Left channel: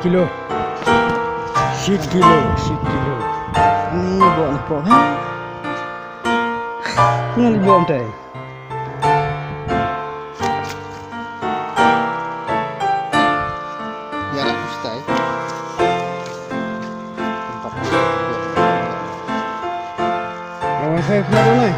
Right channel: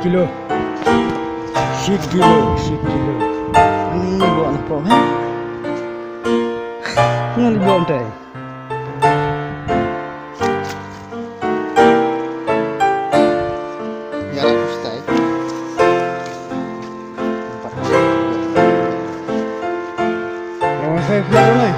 kilo. 10 kilo, 10 kilo. Ni bawa nak po ha. Ngali bawa teh. Ya lah ustai. Tempat. Lawan saya pula tu ni.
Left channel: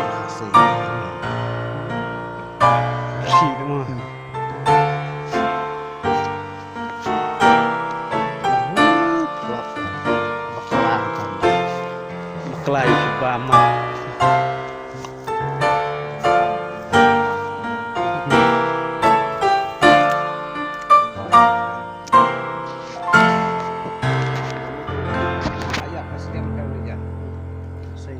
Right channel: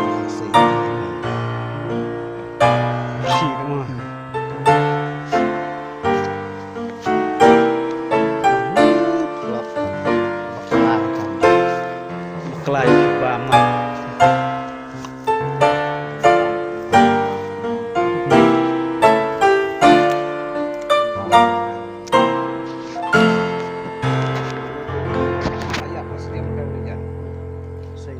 Sana. Bersih semua. Bekelai bama. Ayah pasti yang kau lihat. Saya